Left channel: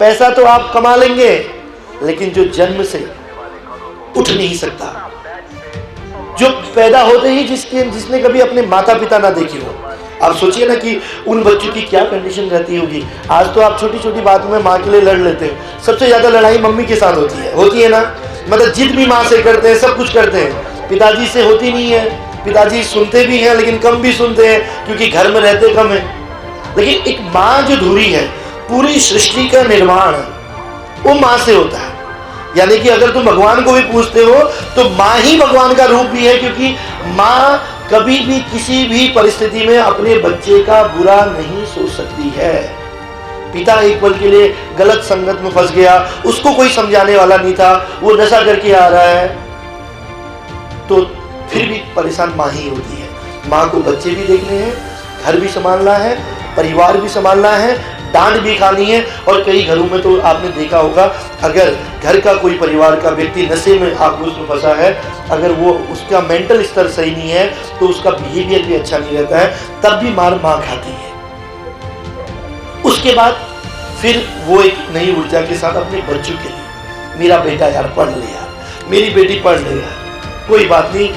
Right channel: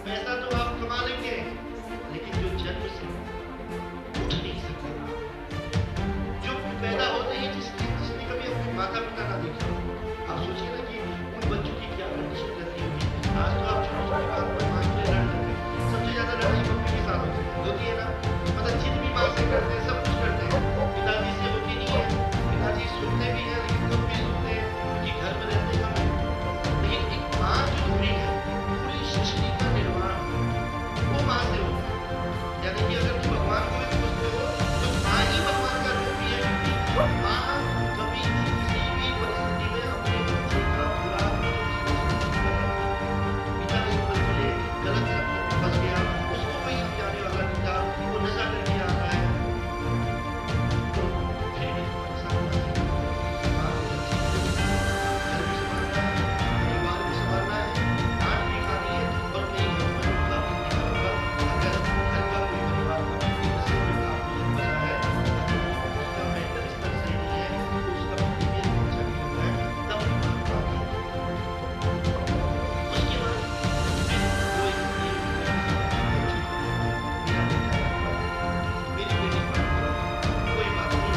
पैसा तो आप कमा लेंगे, लेकिन जो जन्म से उठ नहीं सकता, जो पैदा होते ही जिसने कभी अपने माता पिता ना देखे हो, आप सोचिए ना कि उन बच्चों की क्या कंडीशन रहती होगी। आज तो आप छोटी छोटी बात में माँ के लिए लड़ लेते हो, सबसे ज्यादा लड़ाई मम्मी के साथ होती है ना। मतलब जिद भी माँ से करते हैं, सब कुछ करते हैं, पिताजी से होती नहीं है। पिताजी सुनते भी हैं लेकिन कम भी सुनते हैं, क्योंकि घर में रहते कम है। लेकिन एक माँ जो धुरी है, पूरी सृष्टि का निर्माण वो माँ से होता है। यानी कि अगर तुम भगवान को भी पूछते हो तो माँ ही भगवान का रूप भी है, क्योंकि माँ कभी भी किसी भी परिस्थिति में अपने बच्चे का बुरा नहीं सोच सकती है। पिता एक पल के लिए गलत संगत में फंस गया, उसको कोई समझाने वाला नहीं था, वो नशा करके आ रहा है, तो फिर भी परेशान माँ ही होती है। माँ को बच्चे भी देखने हैं, घर भी संभालना है, परिवार भी संभालना है, डांट भी खानी है। और कई घरों में तो आपने देखा होगा, अगर घर का कोई परिवार का व्यक्ति नशे में आक्रोश में फंसा है, अगर वो उसका मेंटल स्तर सही नहीं है तो उसका बिहेवियर भी अच्छा नहीं रहता है, तब भी मार माँ खाती है। उसके बाद फिर वो एक नई ऊर्जा के साथ अपने बच्चों के लिए, मेरा बेटा यार पढ़ ले यार, मेरी बेटी पढ़ ले यार, कोई बात नहीं।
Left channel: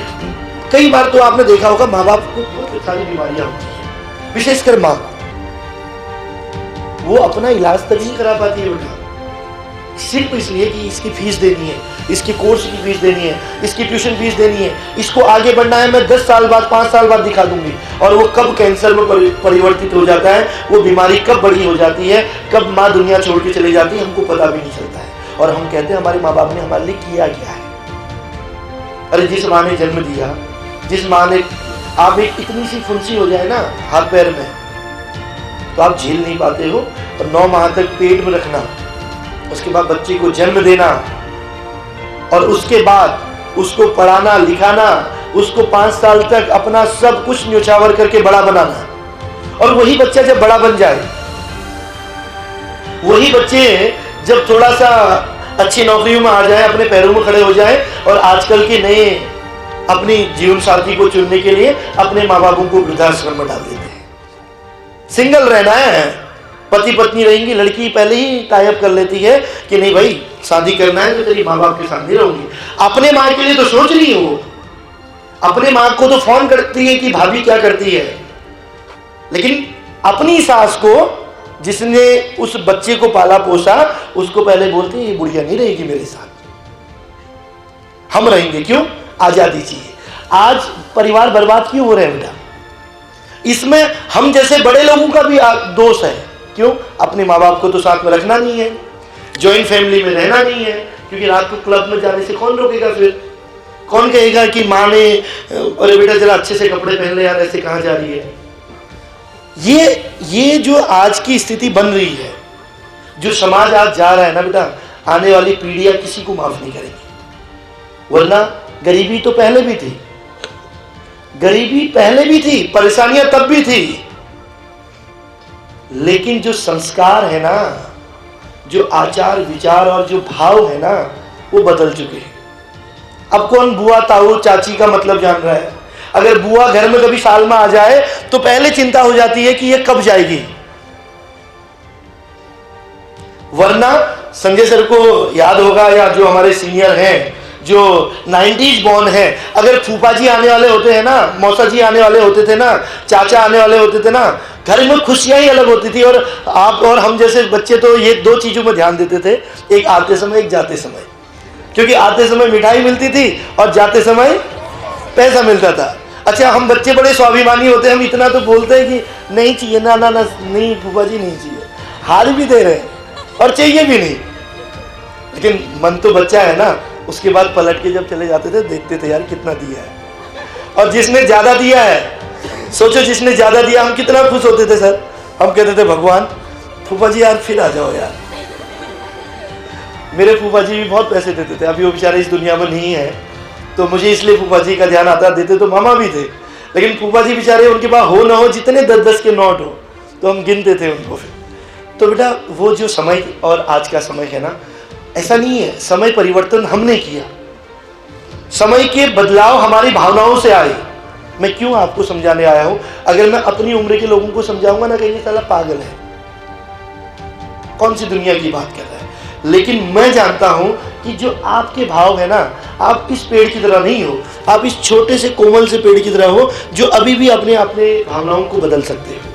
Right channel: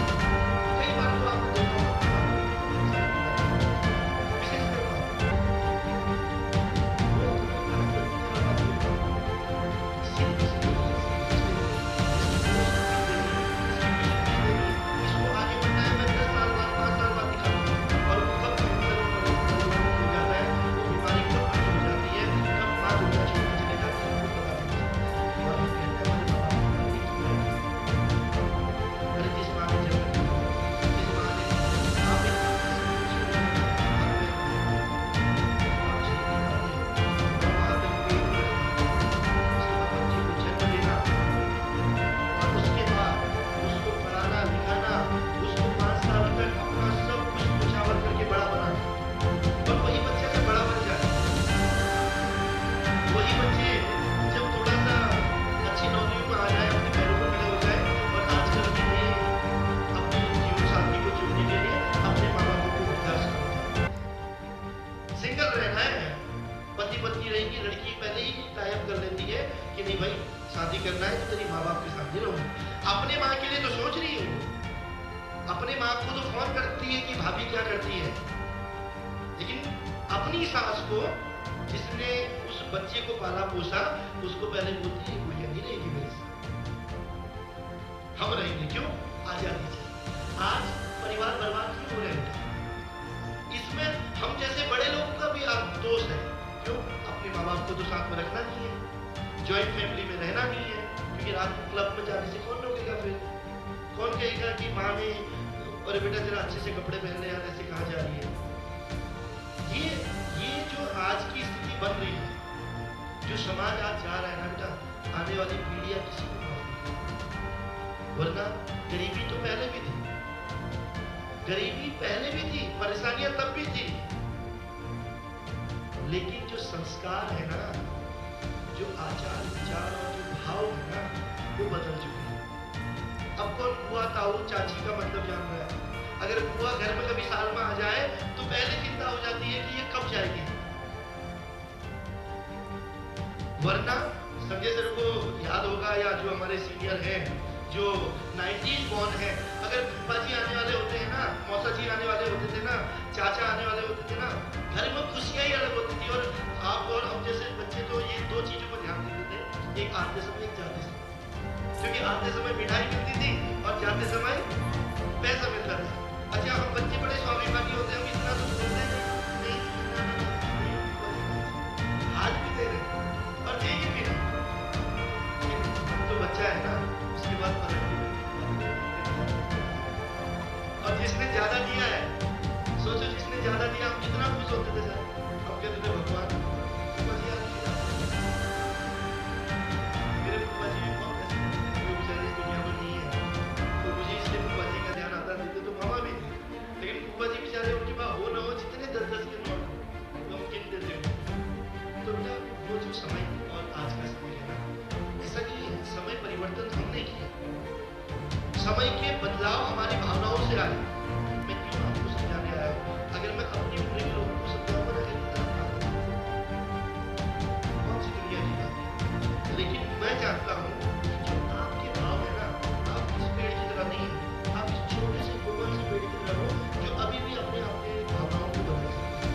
कई बार तो आपने देखा होगा माँ बाप को बहुत सारी बीमारियां होती हैं, विशेषकर माँ, वो अपना इलाज तक नहीं करा पाती है बेटा, सिर्फ इसलिए कि इसकी फीस देनी है, इसकी कोर्स की फीस देनी है, इसकी ट्यूशन फीस देनी है, इसको आगे बढ़ना है, मैं 10 साल बाद 5 साल बाद दिखा दूंगी। और वो कब कैंसर में परिवर्तित हो जाता है, वो बीमारी कब बड़ी हो जाती है, कब माँ दुनिया छोड़ के चली जाती है, हमको पता भी नहीं चलता है। और हम कहते हैं हमारे माँ बाप ने हमारे लिए किया क्या है। अरे जिस माँ ने जन्म दिया, जिस माँ ने, आप एक इतनी सी फुंसी हो जाए ना हाथ पैर में तो आप झेल नहीं पाते हो, और 9 माह तक पेट में रखना, उसके बाद बच्चे को जन्म देना, और उसके बाद उसको पढ़ाना लिखाना, उसको 5 साल तक अपना सब कुछ न्योछावर करके बड़ा बनाना। और वही बच्चा जब बड़ा बन जाए, वही बच्चे जब थोड़ा सा अच्छी नौकरियों में आ जाए, अपने पैरों में खड़े हो जाए, और आजकल के नए अपनी जीवन साथी को चुनने के लिए अपने माँ बापों को वृद्धाश्रम में डाल देते हैं। सिंगल रहना है, पति पत्नी रहेंगी, लड़की पहले ही टाइप कर लेती है कि नहीं भाई शादी करना है तो तेरी माँ बाप के साथ नहीं रहूंगी। अपने माँ के लिए तो सोच रही है वो, अपने माँ को तो फोन करती है कि भाभी क्या करती है, लेकिन अपनी सास को, जिसने उस बच्चे को पाला पोसा, उसको पहले बोलती है ये बुढ़िया नहीं रहेगी मेरे साथ, हम रहेंगे। क्यों? आजादी चाहिए। आज परिवार बर्बाद क्यों हो रहे हैं बेटा? इसमें हम जैसे बड़े लोगों का भी दोष है। क्यों? अपने माँ बाप को तो साथ में रखना नहीं है, जॉइंट फैमिली में रहना नहीं है, क्योंकि रात को क्लब में जाने से कौन रोकेगा? फिर कौन कहेगा कि माँ ने, अरे बेटा जरा अच्छे से कपड़े पहन ले यार, ऐसे कहाँ जा रही है? ये जो आज की स्थिति बन रही है, जो समाज आज जा रहा है ना बेटा, आने वाली पीढ़ियां किसी को माफ नहीं करेंगी। वरना गरीबी तो पहले भी थी, गरीबी पहले भी थी, परेशानियां तब भी थी, लेकिन जो संस्कार है ना, जो आचार विचार और जो भाव है ना, वो बदल चुके हैं। अब कौन बुआ ताऊ चाची का मतलब जान रहा है? अगर बुआ घर में कभी साल में आ जाए तो पहले चिंता हो जाती है कि ये कब जाएगी। वरना संजय सर को याद होगा, या जो हमारे सीनियर हैं जो 90s बॉर्न है, अगर फूफा जी आने वाले होते हैं ना, मौसा जी आने वाले होते थे ना, चाचा आने वाले होते थे ना, घर में खुशियां ही अलग होती थी। और आप और हम जैसे बच्चे तो ये 2 चीजों में ध्यान देते थे, एक आते समय एक जाते समय, क्योंकि आते समय मिठाई मिलती थी और जाते समय पैसा मिलता था। अच्छा, हम बच्चे बड़े स्वाभिमानी होते हैं, हम इतना तो बोलते हैं कि नहीं चाहिए ना ना ना, नहीं फूफा जी नहीं चाहिए, हार भी दे रहे हैं और चाहिए भी नहीं, लेकिन मन तो बच्चा है ना। उसके बाद पलट के जब चले जाते थे, देखते थे यार कितना दिया है, और जिसने ज्यादा दिया है, सोचो जिसने ज्यादा दिया, हम कितना खुश होते थे सर। हम कहते थे भगवान फूफा जी यार फिर आ जाओ यार। मेरे फूफा जी भी बहुत पैसे देते थे, अभी वो बेचारे इस दुनिया में नहीं है, तो मुझे इसलिए फूफा जी का ध्यान आता। देते तो मामा भी थे, लेकिन फूफा जी बेचारे, उनके पास हो ना हो, जितने 10-10 के नोट हो तो हम गिनते थे उनको। फिर तो बेटा वो जो समय और आज का समय है ना, ऐसा नहीं है। समय परिवर्तन हमने किया, समय के बदलाव हमारी भावनाओं से आए। मैं क्यों आपको समझाने आया हूं? अगर मैं अपनी उम्र के लोगों को समझाऊंगा ना, कहेंगे साला पागल है। कौन सी दुनिया की बात कर रहा है। लेकिन मैं जानता हूं कि जो आपके भाव है ना, आप इस पेड़ की तरह नहीं हो, आप इस छोटे से कोमल से पेड़ की तरह हो जो अभी भी अपने अपने भावनाओं को बदल सकते हो।